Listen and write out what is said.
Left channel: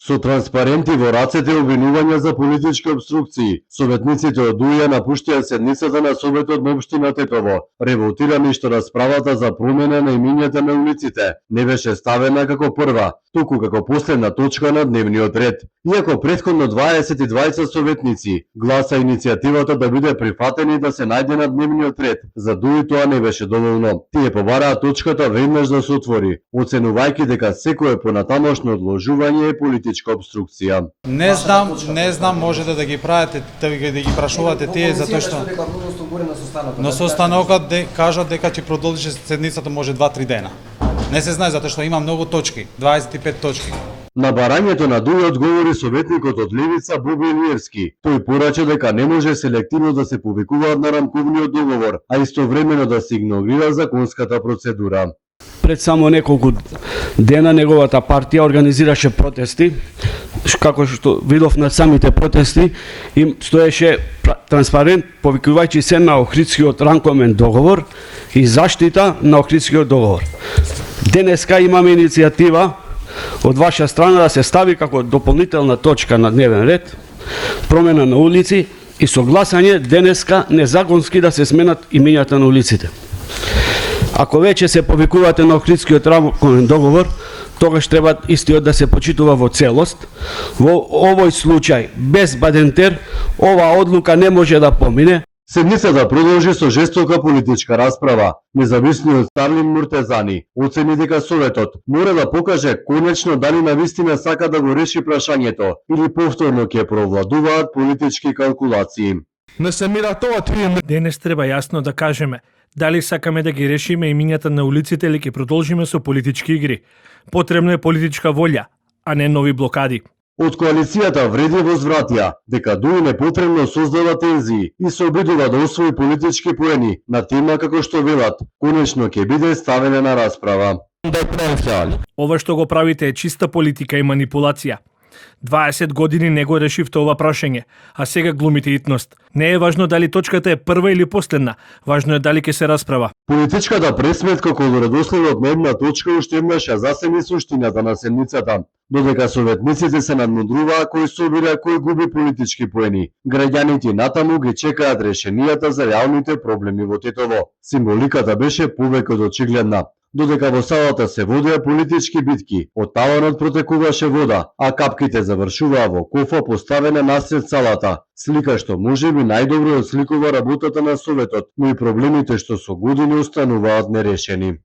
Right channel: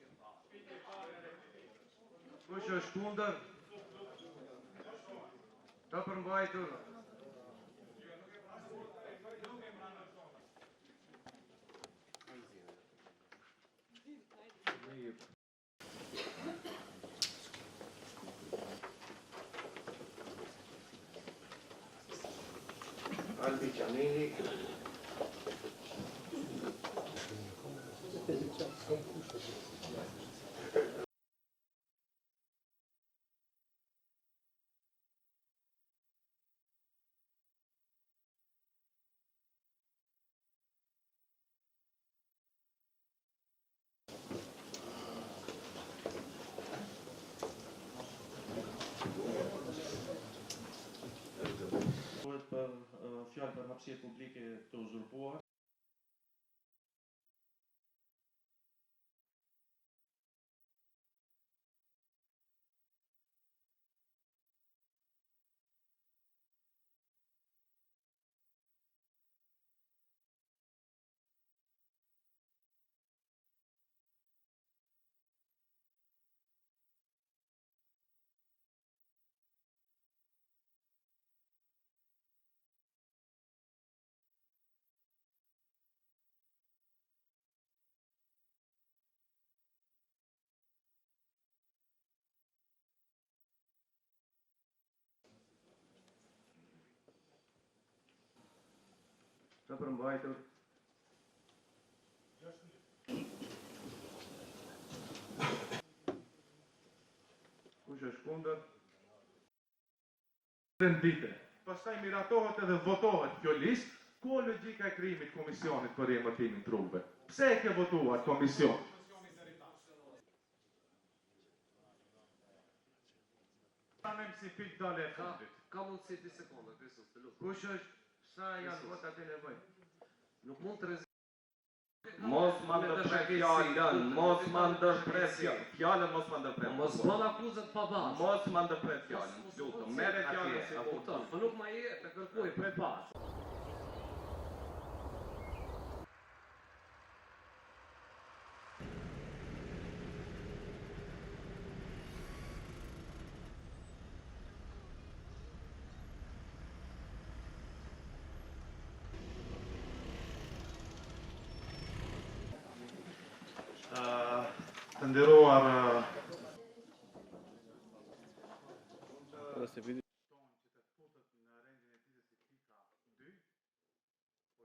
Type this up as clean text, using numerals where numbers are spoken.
Со транспаренти во рацете обвинувања за политички обструкции, советниците од ДУИ напуштија седницата на Советот на општина Тетово, револтирани што расправата за промена на имињата на улиците не беше ставена како прва, туку како последна точка на дневниот ред. Иако претходно 22 советници гласа иницијативата да биде прифатена и да се најде на дневниот ред, за ДУИ тоа не беше доволно. Тие побараа точката веднаш да се отвори, оценувајќи дека секое понатамошно одложување е политичка обструкција. Не знам, можете да ги правите, да ги прашувате тие затоа што на состанокот кажат дека ќе продолжи седницата може 2-3 дена. Не се знае затоа што има многу точки, 25 точки. На барањето на ДУИ одговори советникот од Левица Боби Илиевски. Тој порача дека не може селективно да се повикуваат на рамковниот договор, а истовремено да се игнорира законската процедура. Пред само неколку дена неговата партија организираше протести, како што видов на самите протести, им стоеше транспарент повикувајќи се на Охридскиот рамковен договор и заштита на Охридскиот договор. Денеска имаме иницијатива од ваша страна да се стави како дополнителна точка на дневен ред промена на улици и согласање денеска незаконски да се сменат имињата на улиците. Ако веќе се повикувате на Охридскиот рамковен договор, тогаш треба истиот да се почитува во целост. Во овој случај, без Бадентер, оваа одлука не може да помине. Седницата продолжи со жестока политичка расправа. Независниот Старлин Муртезани оцени дека Советот мора да покаже конечно дали навистина сака да го реши прашањето или повторно ќе провладуваат политички калкулации. Денес треба јасно да кажеме дали сакаме да ги решиме имињата на улиците или ќе продолжиме со политички игри. Потребна е политичка волја, а не нови блокади. Од коалицијата вреди возвратија дека ДУИ непотребно создава тензии и се обидува да освои политички поени на тема како што велат, конечно ќе биде ставена на расправа. Ова што го правите е чиста политика и манипулација. 20 години не го решивте ова прашање, а сега глумите итност. Не е важно дали точката е прва или последна, важно е дали ќе се расправа. Политичката пресметка околу редоследот на една точка уште еднаш ја засени суштината на седницата, додека советниците се надмудруваа кој собира, кој губи политички поени. Граѓаните натаму ги чекаат решенијата за реалните проблеми во Тетово. Символиката беше повеќе од очигледна. Додека во салата се водеа политички битки, од таванот протекуваше вода, а капките завршуваа во кофа поставена насред салата. Слика што можеби најдобро осликува работата на Советот, но и проблемите што со години остануваат нерешени.